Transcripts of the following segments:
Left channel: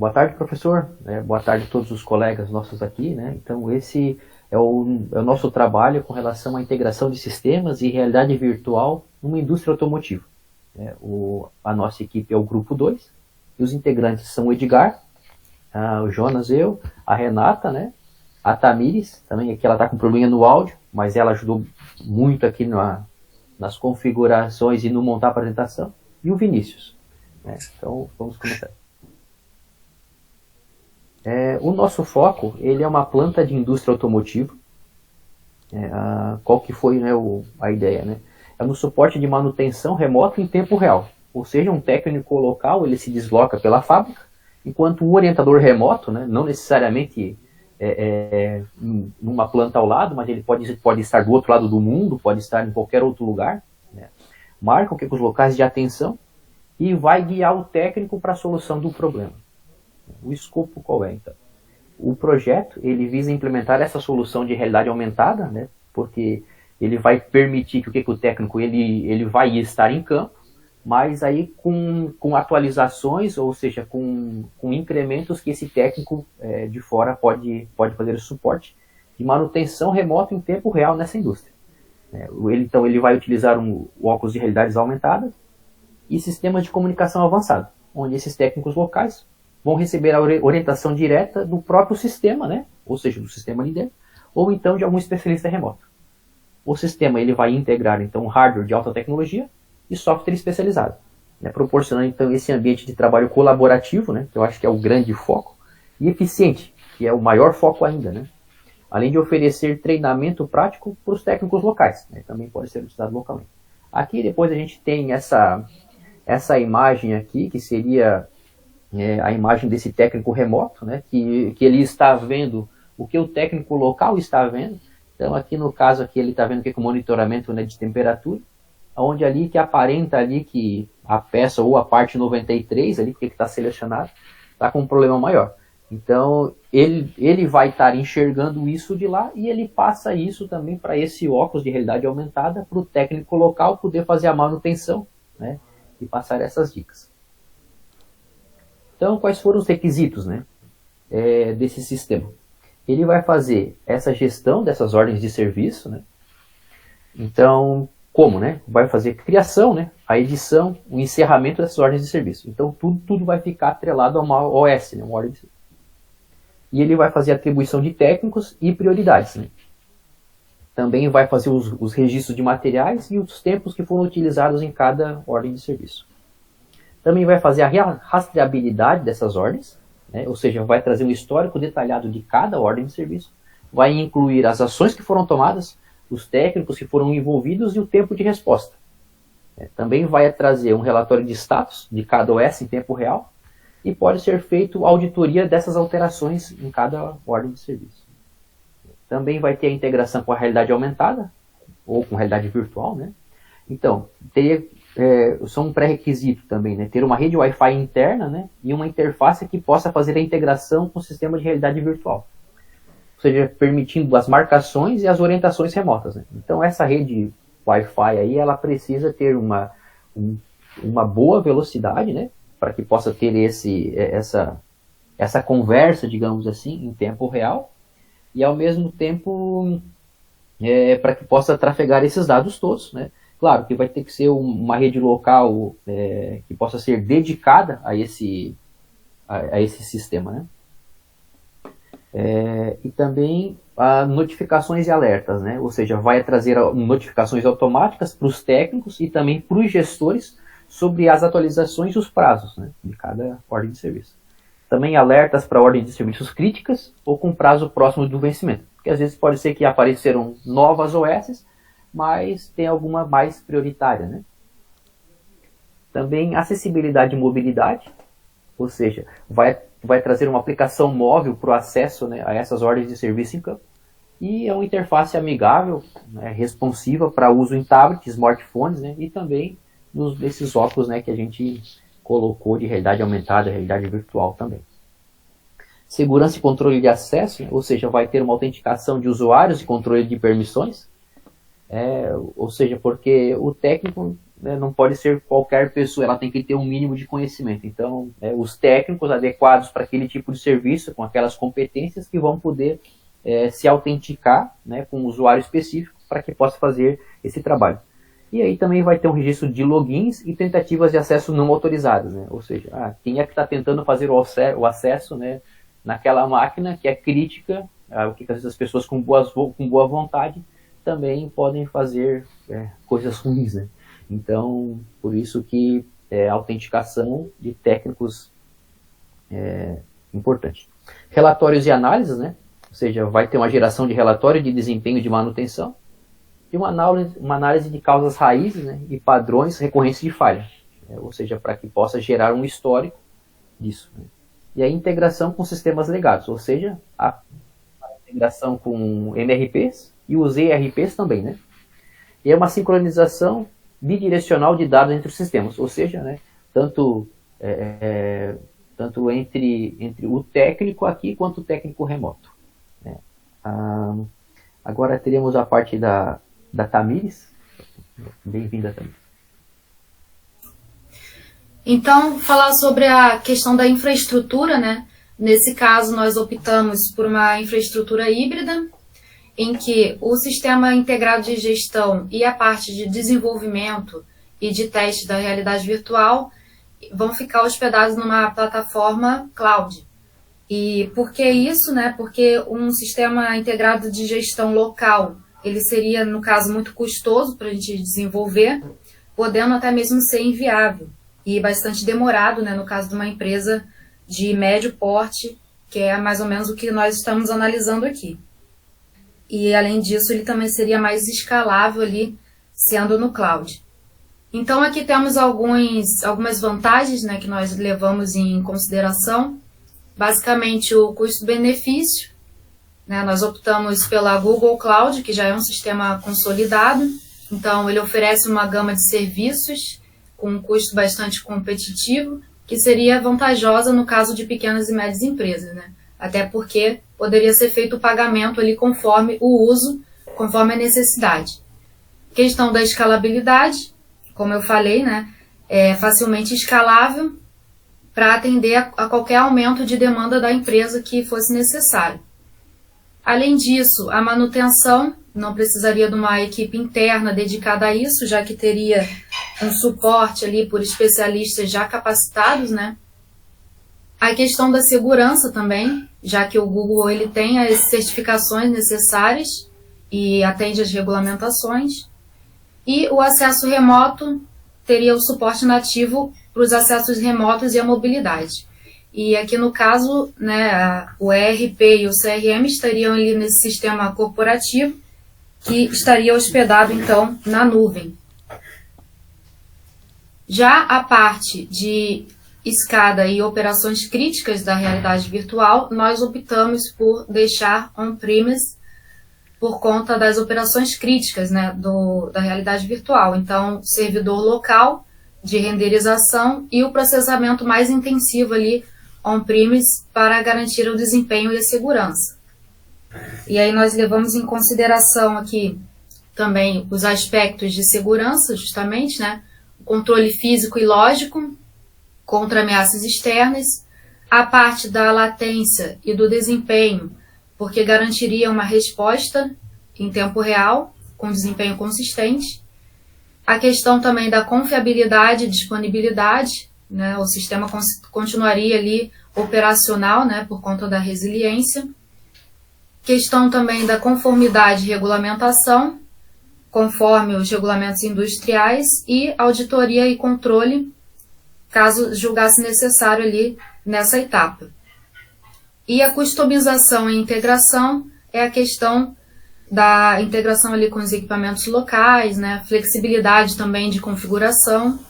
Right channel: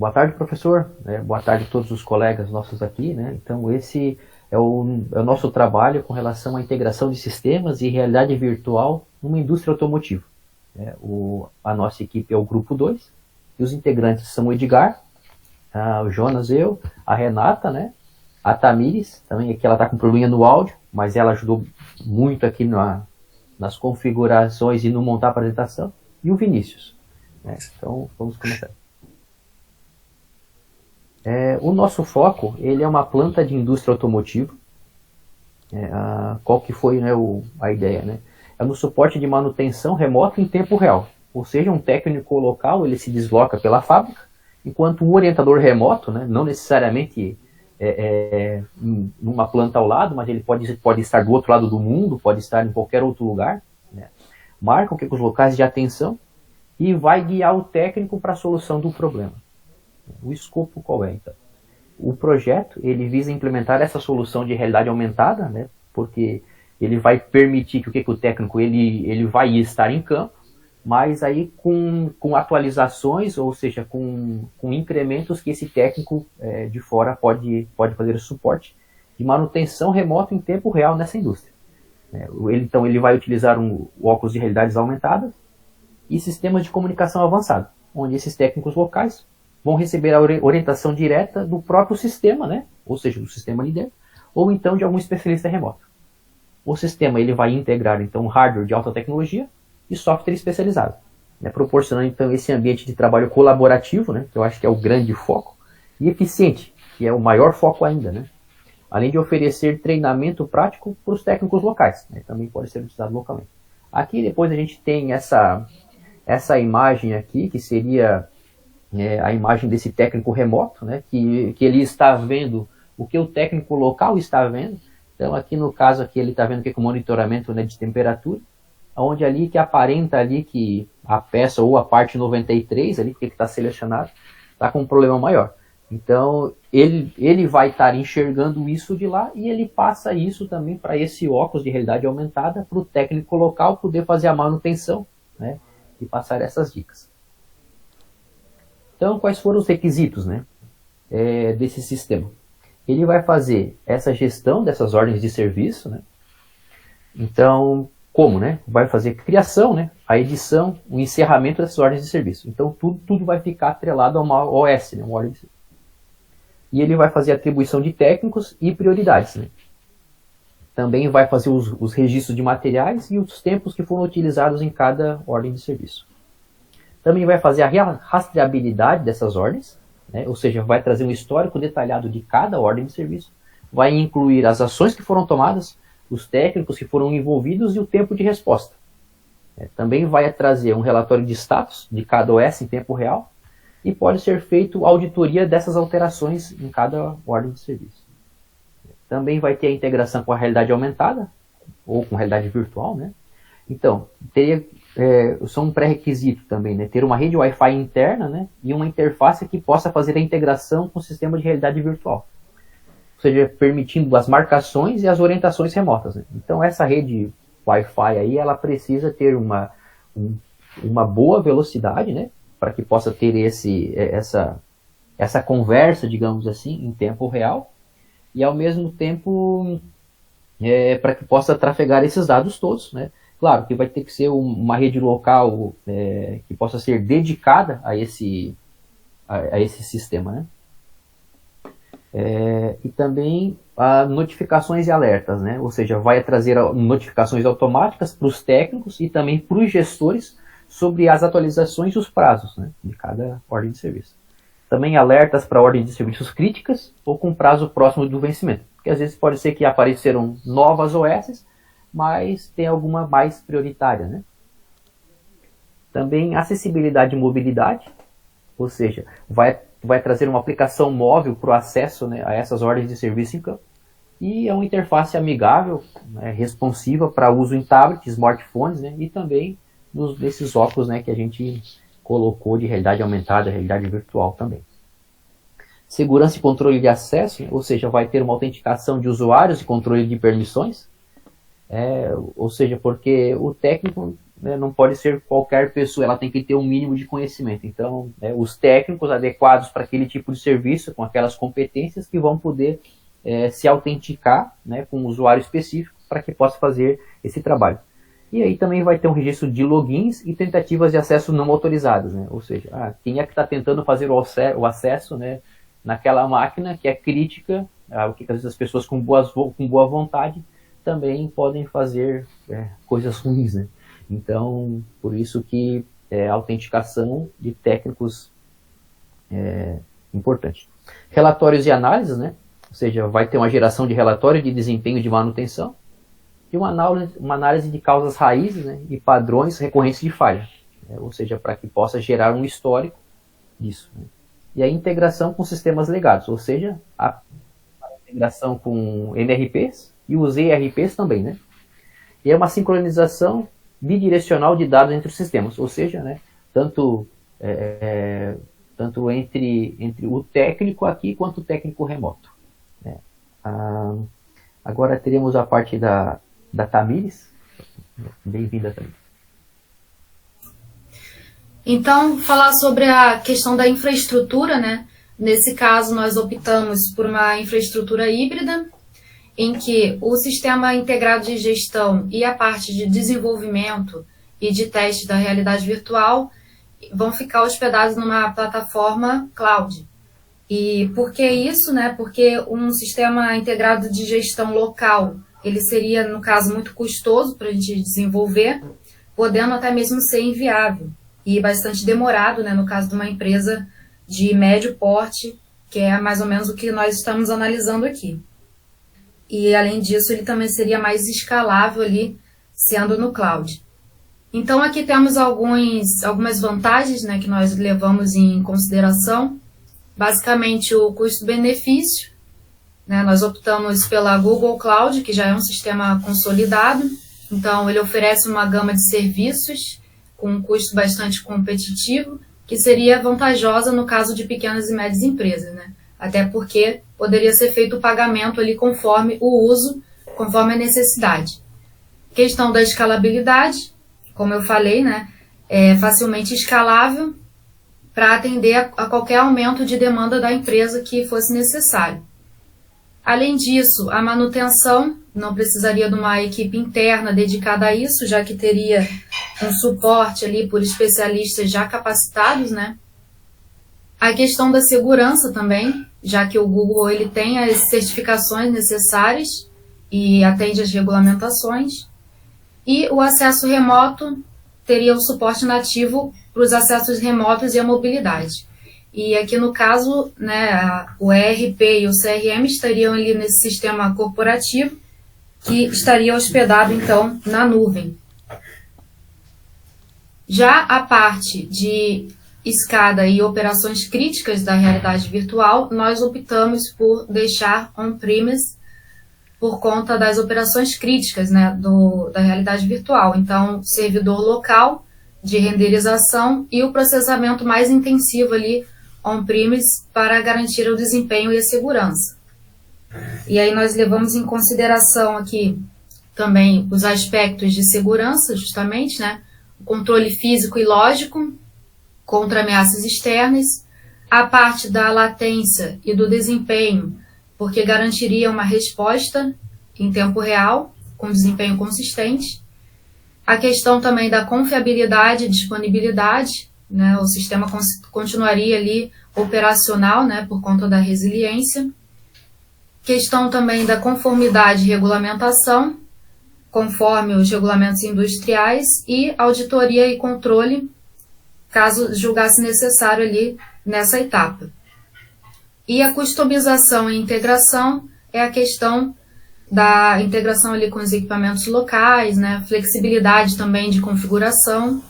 Boa tarde, professor. Boa tarde a todos os colegas nossos aqui, né? Então, esse é o nosso trabalho com relação à integração de sistemas e realidade virtual numa indústria automotiva. A nossa equipe é o Grupo 2, e os integrantes são o Edgar, o Jonas, eu, a Renata, né? A Tamires, também aqui ela está com probleminha no áudio, mas ela ajudou muito aqui nas configurações e no montar a apresentação, e o Vinícius. Então, vamos começar. O nosso foco, ele é uma planta de indústria automotiva. Qual que foi, né, a ideia, né? É no suporte de manutenção remota em tempo real. Ou seja, um técnico local, ele se desloca pela fábrica, enquanto o orientador remoto, né, não necessariamente numa planta ao lado, mas ele pode estar do outro lado do mundo, pode estar em qualquer outro lugar, né? Marca os locais de atenção e vai guiar o técnico para a solução do problema. O escopo qual é, então? O projeto, ele visa implementar essa solução de realidade aumentada, né? Porque ele vai permitir que o técnico ele vai estar em campo, mas aí com atualizações, ou seja, com incrementos que esse técnico de fora pode fazer o suporte de manutenção remota em tempo real nessa indústria. Então ele vai utilizar óculos de realidades aumentadas e sistemas de comunicação avançada, onde esses técnicos locais vão receber a orientação direta do próprio sistema, né? Ou seja, do sistema ali dentro, ou então de algum especialista remoto. O sistema ele vai integrar então hardware de alta tecnologia e software especializado, né? Proporcionando então esse ambiente de trabalho colaborativo, né? Que eu acho que é o grande foco, e eficiente, que é o maior foco ainda, né? Além de oferecer treinamento prático para os técnicos locais, né? Também pode ser utilizado localmente. Aqui depois a gente tem essa imagem aqui, que seria a imagem desse técnico remoto, né, que ele está vendo o que o técnico local está vendo. Então aqui no caso aqui ele está vendo que é o monitoramento, né, de temperatura, onde ali que aparenta ali que a peça ou a parte 93 ali que está selecionado está com um problema maior. Então ele vai estar enxergando isso de lá e ele passa isso também para esse óculos de realidade aumentada para o técnico local poder fazer a manutenção, né, e passar essas dicas. Então, quais foram os requisitos, né, desse sistema? Ele vai fazer essa gestão dessas ordens de serviço, né? Então, como, né? Vai fazer a criação, né, a edição, o encerramento dessas ordens de serviço. Então, tudo vai ficar atrelado a uma OS, né, uma ordem de serviço. E ele vai fazer a atribuição de técnicos e prioridades, né? Também vai fazer os registros de materiais e os tempos que foram utilizados em cada ordem de serviço. Também vai fazer a rastreabilidade dessas ordens, né? Ou seja, vai trazer um histórico detalhado de cada ordem de serviço, vai incluir as ações que foram tomadas, os técnicos que foram envolvidos e o tempo de resposta. Também vai trazer um relatório de status de cada OS em tempo real e pode ser feito auditoria dessas alterações em cada ordem de serviço. Também vai ter a integração com a realidade aumentada ou com realidade virtual, né? Então, são um pré-requisito também, né? Ter uma rede Wi-Fi interna, né, e uma interface que possa fazer a integração com o sistema de realidade virtual. Ou seja, permitindo as marcações e as orientações remotas, né? Então essa rede Wi-Fi aí, ela precisa ter uma boa velocidade, né, para que possa ter essa conversa, digamos assim, em tempo real, e ao mesmo tempo para que possa trafegar esses dados todos, né? Claro que vai ter que ser uma rede local que possa ser dedicada a esse sistema, né? E também notificações e alertas, né? Ou seja, vai trazer notificações automáticas para os técnicos e também para os gestores sobre as atualizações e os prazos, né, de cada ordem de serviço. Também alertas para ordens de serviços críticas ou com prazo próximo do vencimento, porque às vezes pode ser que aparecerão novas OS, mas tem alguma mais prioritária, né? Também acessibilidade e mobilidade, ou seja, vai trazer uma aplicação móvel para o acesso, né, a essas ordens de serviço em campo. E é uma interface amigável, né, responsiva para uso em tablet, smartphones, né, e também desses óculos, né, que a gente colocou de realidade aumentada, realidade virtual também. Segurança e controle de acesso, né, ou seja, vai ter uma autenticação de usuários e controle de permissões. Ou seja, porque o técnico né, não pode ser qualquer pessoa, ela tem que ter um mínimo de conhecimento. Então, os técnicos adequados para aquele tipo de serviço, com aquelas competências que vão poder se autenticar, né, com um usuário específico para que possa fazer esse trabalho. E aí também vai ter um registro de logins e tentativas de acesso não autorizadas, né? Ou seja, quem é que está tentando fazer o acesso, né, naquela máquina que é crítica, o que às vezes as pessoas com boa vontade também podem fazer coisas ruins, né? Então, por isso que a autenticação de técnicos é importante. Relatórios e análises, né? Ou seja, vai ter uma geração de relatório de desempenho de manutenção e uma análise de causas raízes, né, e padrões recorrentes de falha, ou seja, para que possa gerar um histórico disso, né. E a integração com sistemas legados, ou seja, a integração com MRPs e os ERPs também, né. E é uma sincronização bidirecional de dados entre os sistemas, ou seja, né, tanto entre o técnico aqui quanto o técnico remoto, né. Agora teremos a parte da Tamires. Bem-vinda, Tamires. Então, falar sobre a questão da infraestrutura, né? Nesse caso, nós optamos por uma infraestrutura híbrida, em que o sistema integrado de gestão e a parte de desenvolvimento e de teste da realidade virtual vão ficar hospedados numa plataforma cloud. E por que isso, né? Porque um sistema integrado de gestão local, ele seria, no caso, muito custoso para a gente desenvolver, podendo até mesmo ser inviável e bastante demorado, né? No caso de uma empresa de médio porte, que é mais ou menos o que nós estamos analisando aqui. E, além disso, ele também seria mais escalável ali, sendo no cloud. Então, aqui temos algumas vantagens, né, que nós levamos em consideração. Basicamente, o custo-benefício, né? Nós optamos pela Google Cloud, que já é um sistema consolidado. Então, ele oferece uma gama de serviços com um custo bastante competitivo, que seria vantajosa no caso de pequenas e médias empresas, né? Até porque poderia ser feito o pagamento ali conforme o uso, conforme a necessidade. Questão da escalabilidade, como eu falei, né? É facilmente escalável para atender a qualquer aumento de demanda da empresa que fosse necessário. Além disso, a manutenção não precisaria de uma equipe interna dedicada a isso, já que teria um suporte ali por especialistas já capacitados, né? A questão da segurança também, já que o Google ele tem as certificações necessárias e atende às regulamentações. E o acesso remoto teria o suporte nativo para os acessos remotos e a mobilidade. E aqui no caso, né, o ERP e o CRM estariam ali nesse sistema corporativo, que estaria hospedado então na nuvem. Já a parte de escada e operações críticas da realidade virtual, nós optamos por deixar on-premise por conta das operações críticas, né, da realidade virtual. Então, servidor local de renderização e o processamento mais intensivo ali on-premise para garantir o desempenho e a segurança. E aí nós levamos em consideração aqui também os aspectos de segurança, justamente, né, o controle físico e lógico contra ameaças externas, a parte da latência e do desempenho, porque garantiria uma resposta em tempo real, com desempenho consistente. A questão também da confiabilidade e disponibilidade, né, o sistema continuaria ali operacional, né, por conta da resiliência. Questão também da conformidade e regulamentação, conforme os regulamentos industriais, e auditoria e controle, caso julgasse necessário ali nessa etapa. E a customização e integração é a questão da integração ali com os equipamentos locais, né, flexibilidade também de configuração.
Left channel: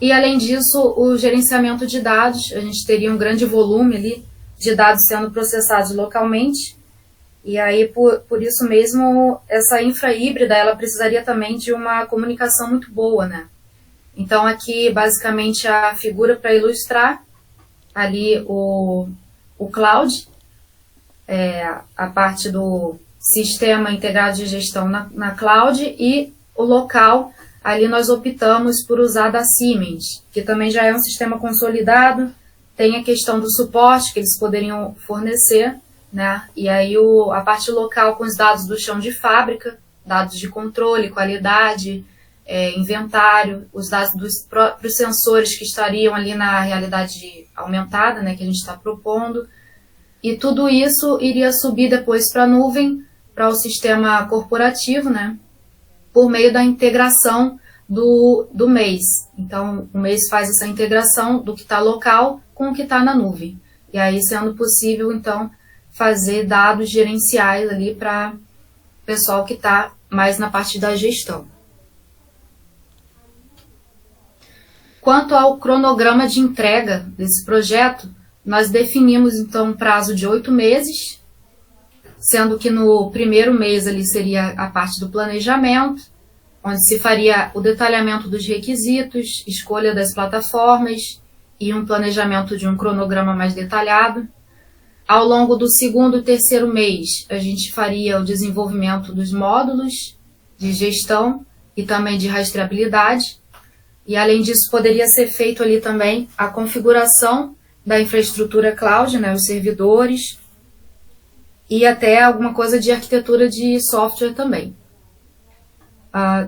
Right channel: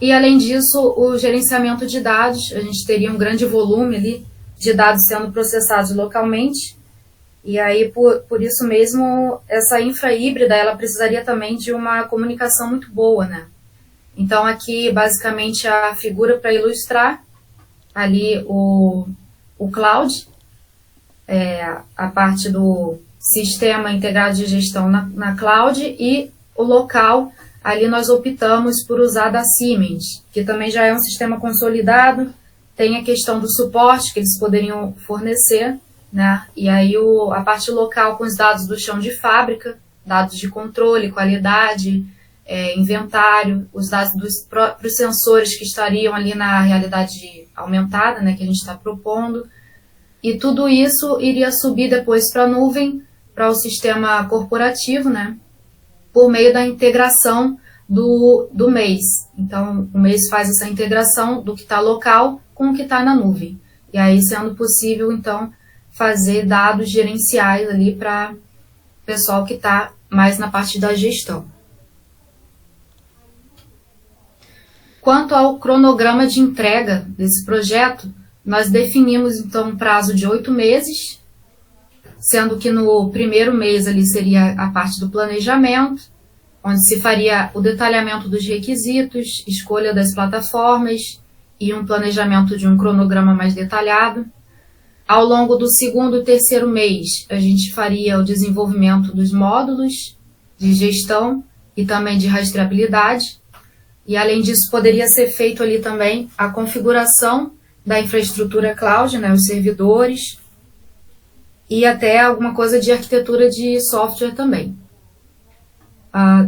E, além disso, o gerenciamento de dados. A gente teria um grande volume ali de dados sendo processados localmente. E aí, por isso mesmo, essa infra híbrida, ela precisaria também de uma comunicação muito boa, né? Então, aqui, basicamente, a figura para ilustrar ali o cloud, a parte do sistema integrado de gestão na cloud, e o local, ali nós optamos por usar da Siemens, que também já é um sistema consolidado, tem a questão do suporte que eles poderiam fornecer, né? E aí a parte local com os dados do chão de fábrica, dados de controle, qualidade, inventário, os dados dos próprios sensores que estariam ali na realidade aumentada, né, que a gente está propondo. E tudo isso iria subir depois para a nuvem, para o sistema corporativo, né, por meio da integração do mês. Então, o mês faz essa integração do que está local com o que está na nuvem. E aí, sendo possível, então, fazer dados gerenciais ali para o pessoal que está mais na parte da gestão. Quanto ao cronograma de entrega desse projeto, nós definimos, então, um prazo de 8 meses, sendo que no primeiro mês ali seria a parte do planejamento, onde se faria o detalhamento dos requisitos, escolha das plataformas e um planejamento de um cronograma mais detalhado. Ao longo do segundo e terceiro mês, a gente faria o desenvolvimento dos módulos de gestão e também de rastreabilidade. E, além disso, poderia ser feito ali também a configuração da infraestrutura cloud, né, os servidores, e até alguma coisa de arquitetura de software também.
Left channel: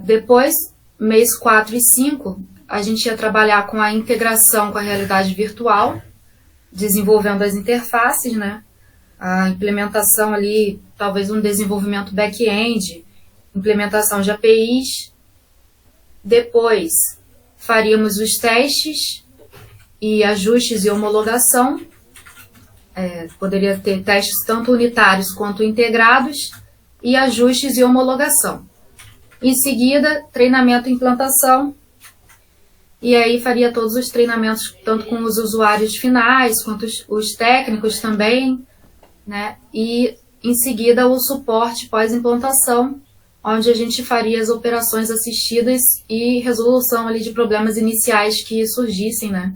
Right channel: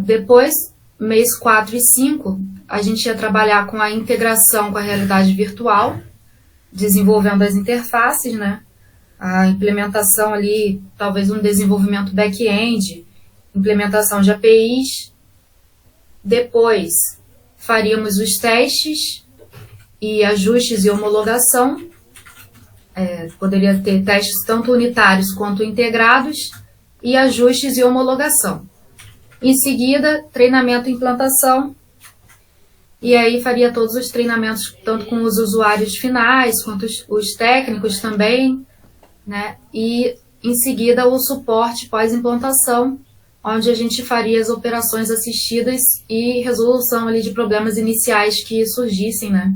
Depois, mês 4 e 5, a gente ia trabalhar com a integração com a realidade virtual, desenvolvendo as interfaces, né? A implementação ali, talvez um desenvolvimento back-end, implementação de APIs. Depois, faríamos os testes e ajustes e homologação. Poderia ter testes tanto unitários quanto integrados e ajustes e homologação. Em seguida, treinamento e implantação. E aí faria todos os treinamentos, tanto com os usuários finais, quanto os técnicos também, né? E, em seguida, o suporte pós-implantação, onde a gente faria as operações assistidas e resolução ali de problemas iniciais que surgissem, né?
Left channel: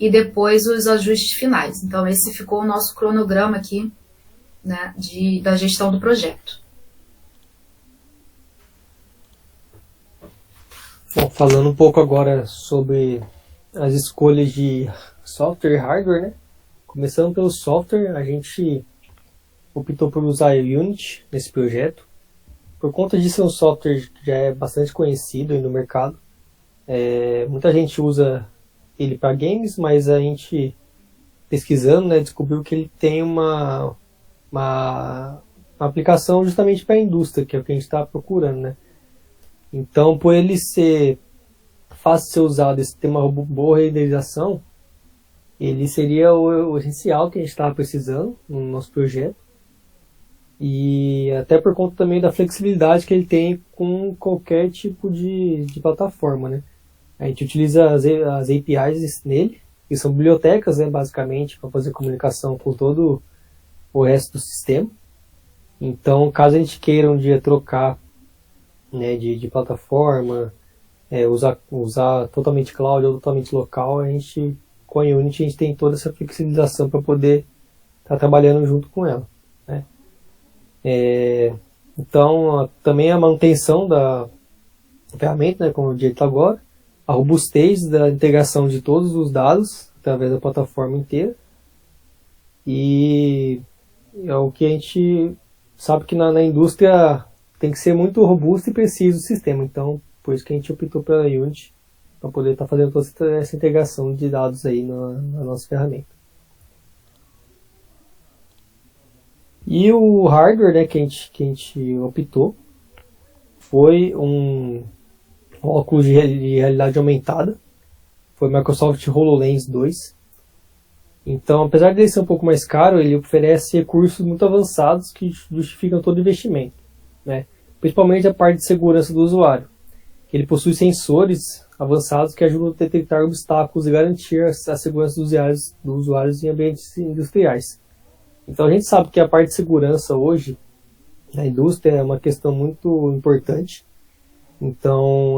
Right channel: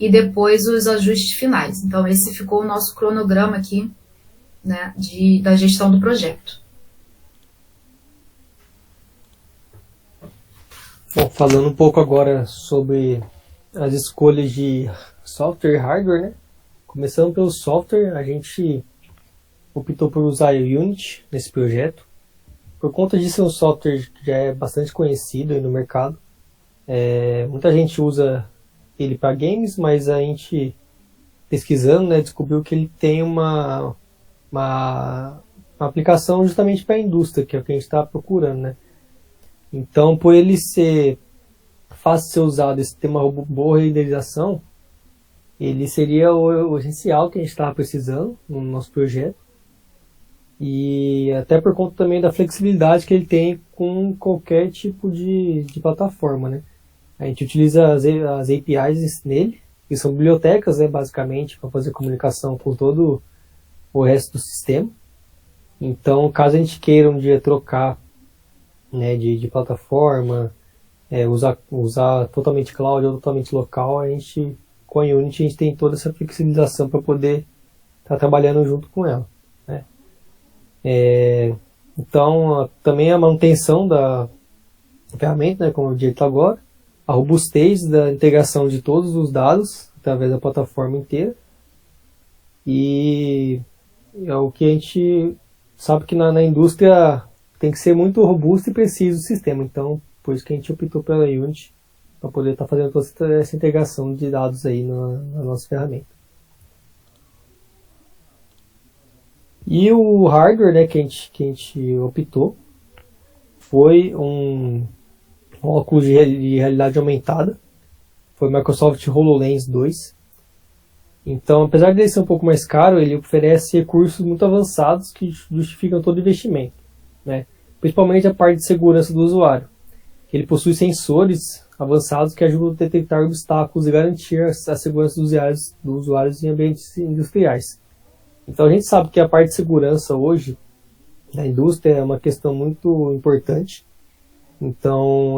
E depois os ajustes finais. Então, esse ficou o nosso cronograma aqui, né, da gestão do projeto. Bom, falando um pouco agora sobre as escolhas de software e hardware, né? Começando pelo software, a gente optou por usar o Unity nesse projeto. Por conta disso, é um software que já é bastante conhecido aí no mercado. Muita gente usa ele para games, mas a gente, pesquisando, né, descobriu que ele tem uma aplicação justamente para a indústria, que é o que a gente está procurando, né? Então, por ele ser fácil de ser usado, esse ter uma boa renderização, ele seria o essencial que a gente estava precisando no nosso projeto. E até por conta também da flexibilidade que ele tem com qualquer tipo de plataforma, né? A gente utiliza as APIs nele, que são bibliotecas, né, basicamente, para fazer comunicação com todo o resto do sistema. Então, caso a gente queira um dia trocar, né, de plataforma, usar totalmente cloud ou totalmente local, a gente, com a Unity, a gente tem toda essa flexibilização para poder estar trabalhando junto com ela, né? Então, também a manutenção da ferramenta, né, como eu disse agora, a robustez da integração de todos os dados através da plataforma inteira, e é o que a gente sabe que na indústria tem que ser muito robusto e preciso o sistema. Então, por isso que a gente optou pela Unity, para poder estar fazendo toda essa integração de dados aí na nossa ferramenta. E o hardware, né, que a gente optou foi um óculos de realidade aumentada. Foi o Microsoft HoloLens 2. Então, apesar de ele ser um pouco mais caro, ele oferece recursos muito avançados que justificam todo o investimento, né? Principalmente a parte de segurança do usuário. Ele possui sensores avançados que ajudam a detectar obstáculos e garantir a segurança dos usuários em ambientes industriais. Então a gente sabe que a parte de segurança hoje na indústria é uma questão muito importante. Então,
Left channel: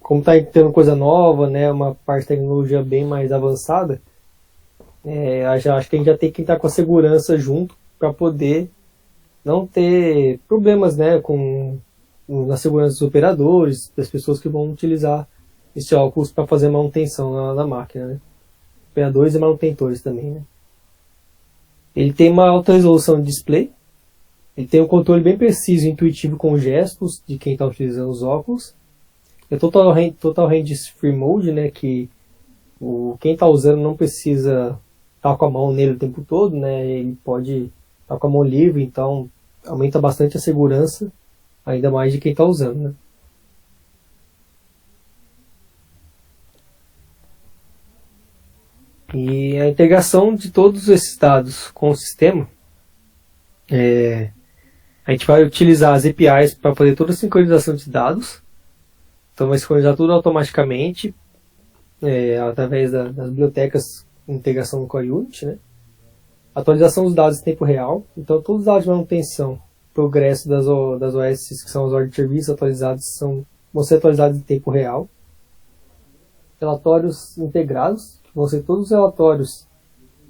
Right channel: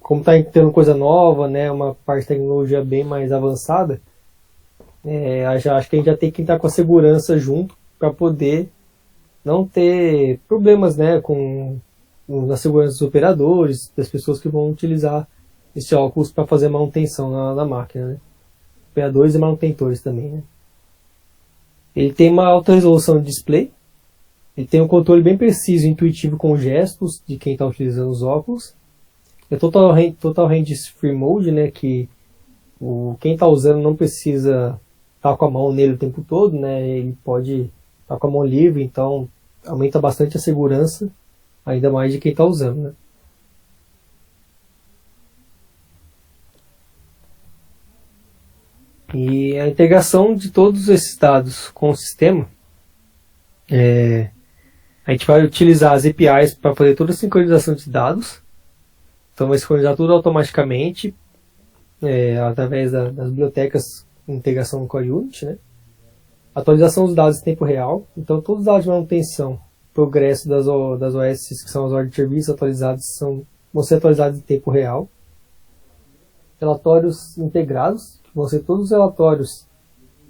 como está tendo coisa nova, né, uma parte de tecnologia bem mais avançada, acho que a gente já tem que estar com a segurança junto para poder não ter problemas, né, com na segurança dos operadores, das pessoas que vão utilizar esse óculos para fazer manutenção na máquina, né? Operadores e manutentores também, né? Ele tem uma alta resolução de display, ele tem um controle bem preciso e intuitivo com gestos de quem está utilizando os óculos. É total range free mode, né? Que quem está usando não precisa estar com a mão nele o tempo todo, né? Ele pode estar com a mão livre, então aumenta bastante a segurança, ainda mais de quem está usando, né? E a integração de todos esses dados com o sistema, a gente vai utilizar as APIs para fazer toda a sincronização de dados. Então vai sincronizar tudo automaticamente, através das bibliotecas de integração com a Unity, né? Atualização dos dados em tempo real. Então todos os dados de manutenção, progresso das OS, que são as ordens de serviço atualizadas, vão ser atualizados em tempo real. Relatórios integrados, vão ser todos os relatórios,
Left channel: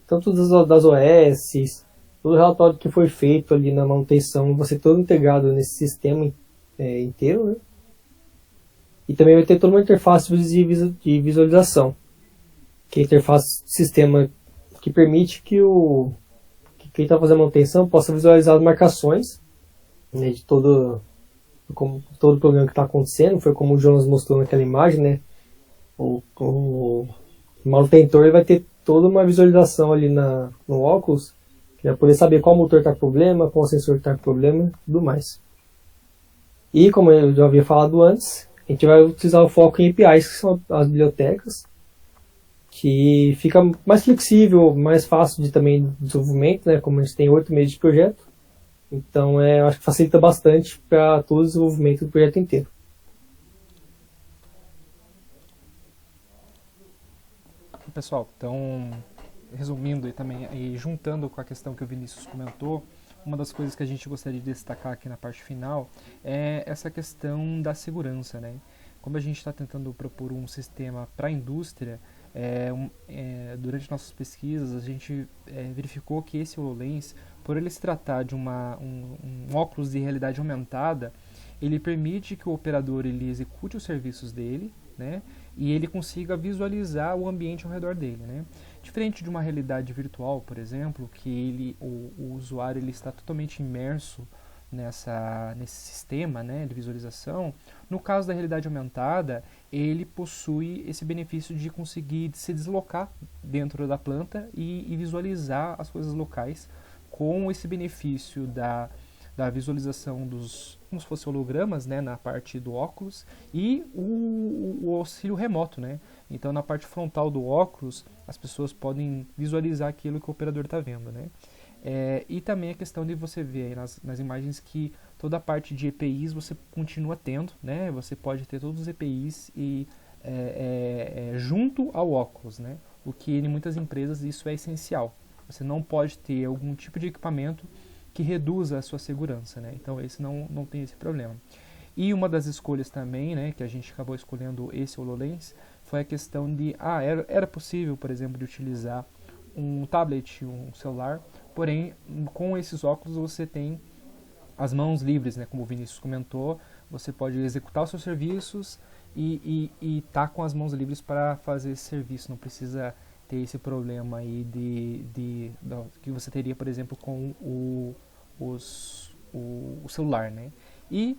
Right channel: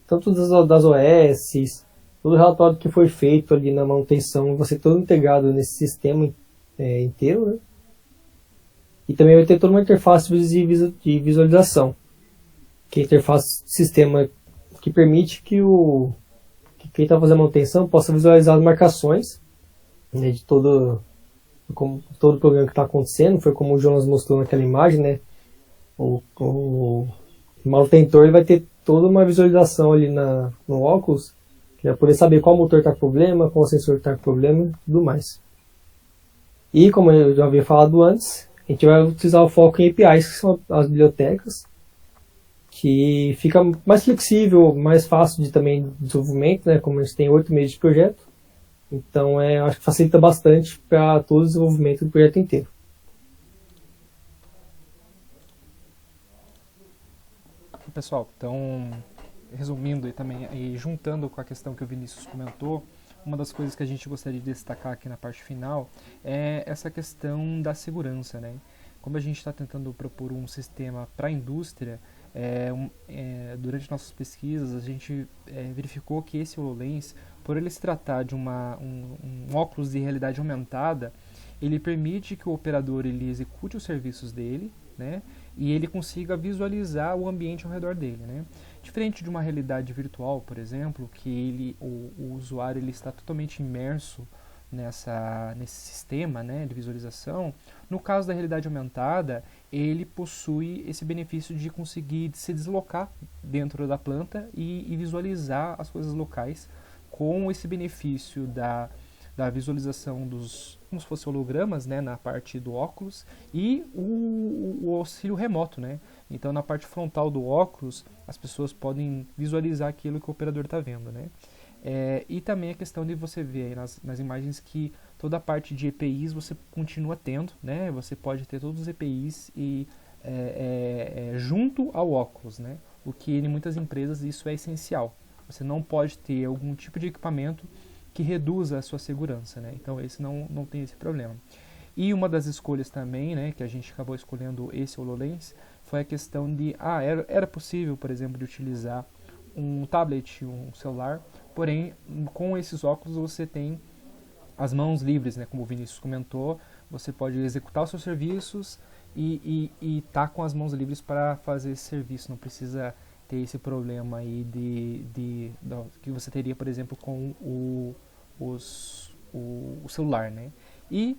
tanto das OS, todo o relatório que foi feito ali na manutenção, vai ser todo integrado nesse sistema inteiro, né? E também vai ter toda uma interface de visualização, que é a interface de sistema que permite que quem está fazendo a manutenção possa visualizar as marcações, né, de todo o problema que está acontecendo. Foi como o Jonas mostrou naquela imagem, né? O manutentor ele vai ter toda uma visualização ali no óculos, que vai poder saber qual motor está com problema, qual sensor está com problema e tudo mais. E como eu já havia falado antes, a gente vai utilizar o foco em APIs, que são as bibliotecas, que fica mais flexível, mais fácil de também desenvolvimento, né? Como a gente tem 8 meses de projeto, então eu acho que facilita bastante para todo o desenvolvimento do projeto inteiro. Pessoal, então, resumindo e juntando com a questão que o Vinícius comentou, uma das coisas que a gente gostaria de destacar aqui na parte final é essa questão da segurança, né? Como a gente está tentando propor um sistema para a indústria, durante nossas pesquisas a gente verificou que esse HoloLens, por ele se tratar de um óculos de realidade aumentada, ele permite que o operador ele execute os serviços dele, né? E ele consiga visualizar o ambiente ao redor dele, né? Diferente de uma realidade virtual, por exemplo, que o usuário ele está totalmente imerso nesse sistema, né, de visualização. No caso da realidade aumentada, ele possui esse benefício de conseguir se deslocar dentro da planta e visualizar as coisas locais, com esse benefício da visualização como se fossem hologramas, né, na parte do óculos, e o auxílio remoto, né? Então, na parte frontal do óculos, as pessoas podem visualizar aquilo que o operador está vendo, né? E também a questão de você ver aí nas imagens que toda a parte de EPIs você continua tendo, né? Você pode ter todos os EPIs junto ao óculos, né? O que em muitas empresas isso é essencial. Você não pode ter algum tipo de equipamento que reduza a sua segurança, né? Então esse não tem esse problema. E uma das escolhas também, né, que a gente acabou escolhendo esse HoloLens, foi a questão de, era possível, por exemplo, de utilizar um tablet, um celular, porém, com esses óculos você tem as mãos livres, né, como o Vinícius comentou, você pode executar os seus serviços e tá com as mãos livres para fazer esse serviço, não precisa ter esse problema aí que você teria, por exemplo, com o celular, né? E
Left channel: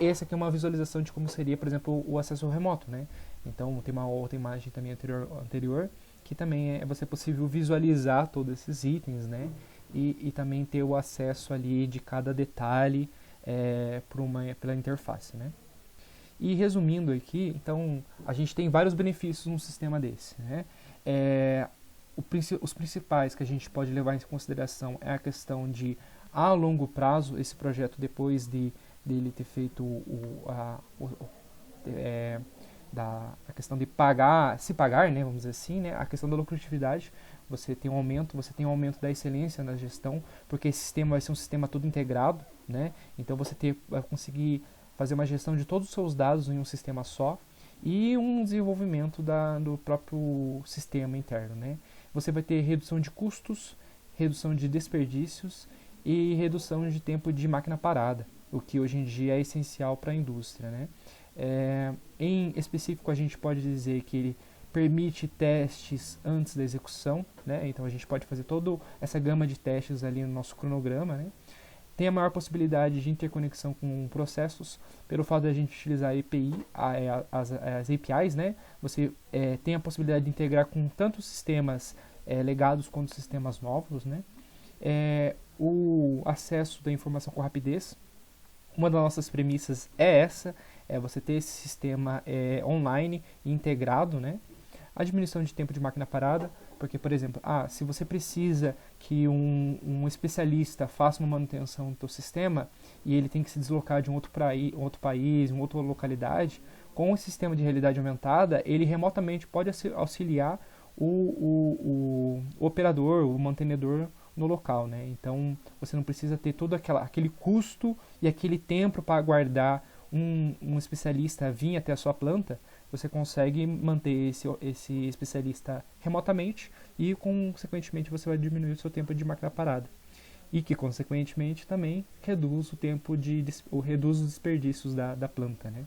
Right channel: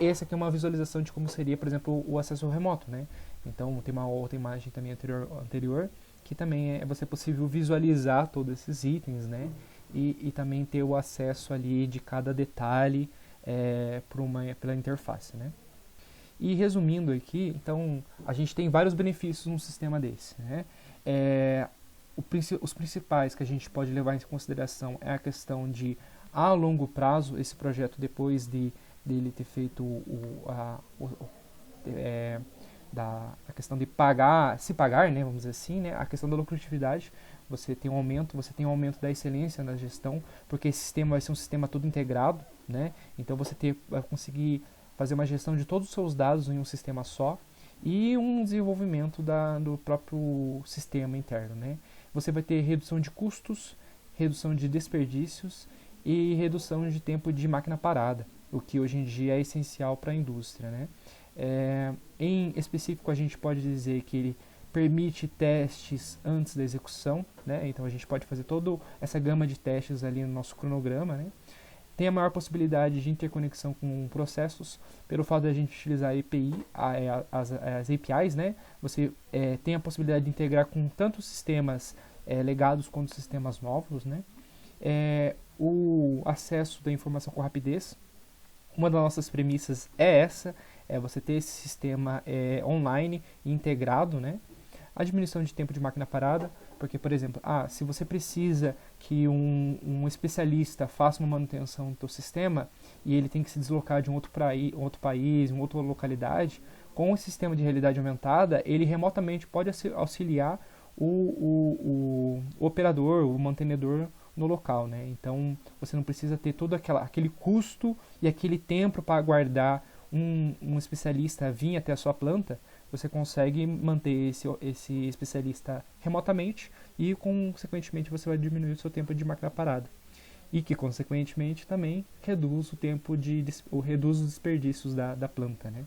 essa aqui é uma visualização de como seria, por exemplo, o acesso remoto, né? Então tem uma outra imagem também anterior que também é possível visualizar todos esses itens, né? E também ter o acesso ali de cada detalhe pela interface, né? E resumindo aqui, então a gente tem vários benefícios num sistema desse, né? Os principais que a gente pode levar em consideração é a questão de, a longo prazo, esse projeto, depois dele ter feito a questão de se pagar, né, vamos dizer assim, né, a questão da lucratividade, você tem um aumento da excelência na gestão, porque esse sistema vai ser um sistema todo integrado, né, então você vai conseguir fazer uma gestão de todos os seus dados em um sistema só, e um desenvolvimento do próprio sistema interno, né. Você vai ter redução de custos, redução de desperdícios e redução de tempo de máquina parada, o que hoje em dia é essencial para a indústria, né? Em específico, a gente pode dizer que ele permite testes antes da execução, né? Então a gente pode fazer toda essa gama de testes ali no nosso cronograma, né? Tem a maior possibilidade de interconexão com processos, pelo fato de a gente utilizar a API, as APIs, né? Você tem a possibilidade de integrar com tanto sistemas legados quanto sistemas novos, né? O acesso da informação com rapidez. Uma das nossas premissas é essa, você ter esse sistema online integrado, né? A diminuição de tempo de máquina parada, porque, por exemplo, se você precisa que um especialista faça uma manutenção do seu sistema e ele tem que se deslocar de um outro país, uma outra localidade, com o sistema de realidade aumentada, ele remotamente pode auxiliar o operador, o mantenedor no local, né? Então, você não precisa ter todo aquele custo e aquele tempo para aguardar um especialista vir até a sua planta. Você consegue manter esse especialista remotamente e, consequentemente, você vai diminuir o seu tempo de máquina parada. E que, consequentemente, também reduz o tempo reduz os desperdícios da planta, né?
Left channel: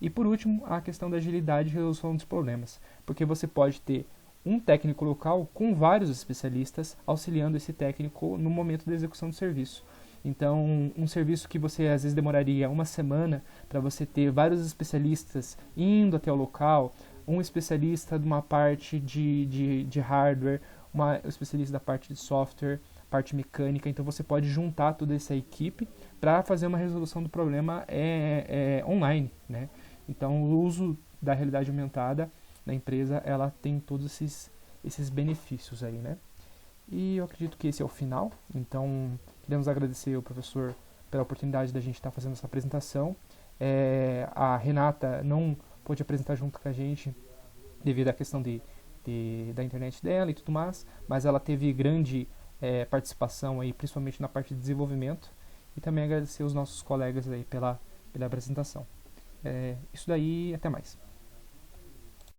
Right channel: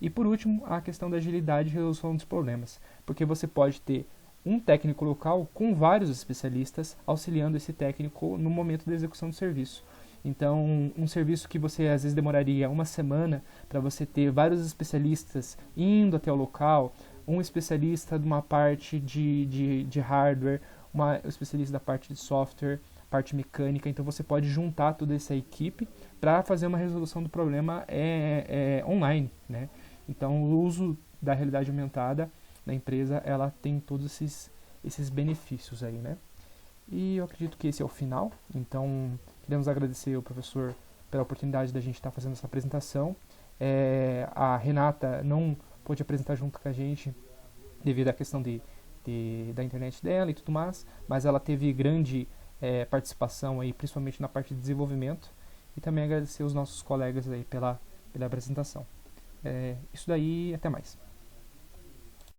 E, por último, a questão da agilidade e resolução dos problemas. Porque você pode ter um técnico local com vários especialistas auxiliando esse técnico no momento da execução do serviço. Então, um serviço que você às vezes demoraria uma semana para você ter vários especialistas indo até o local, um especialista de uma parte de hardware, um especialista da parte de software, parte mecânica. Então, você pode juntar toda essa equipe para fazer uma resolução do problema online, né? Então, o uso da realidade aumentada na empresa, ela tem todos esses benefícios aí, né? E eu acredito que esse é o final. Então, queremos agradecer ao professor pela oportunidade da gente estar fazendo essa apresentação. A Renata não pôde apresentar junto com a gente devido à questão da internet dela e tudo mais, mas ela teve grande participação aí, principalmente na parte de desenvolvimento. E também agradecer os nossos colegas aí pela apresentação. Isso daí, até mais.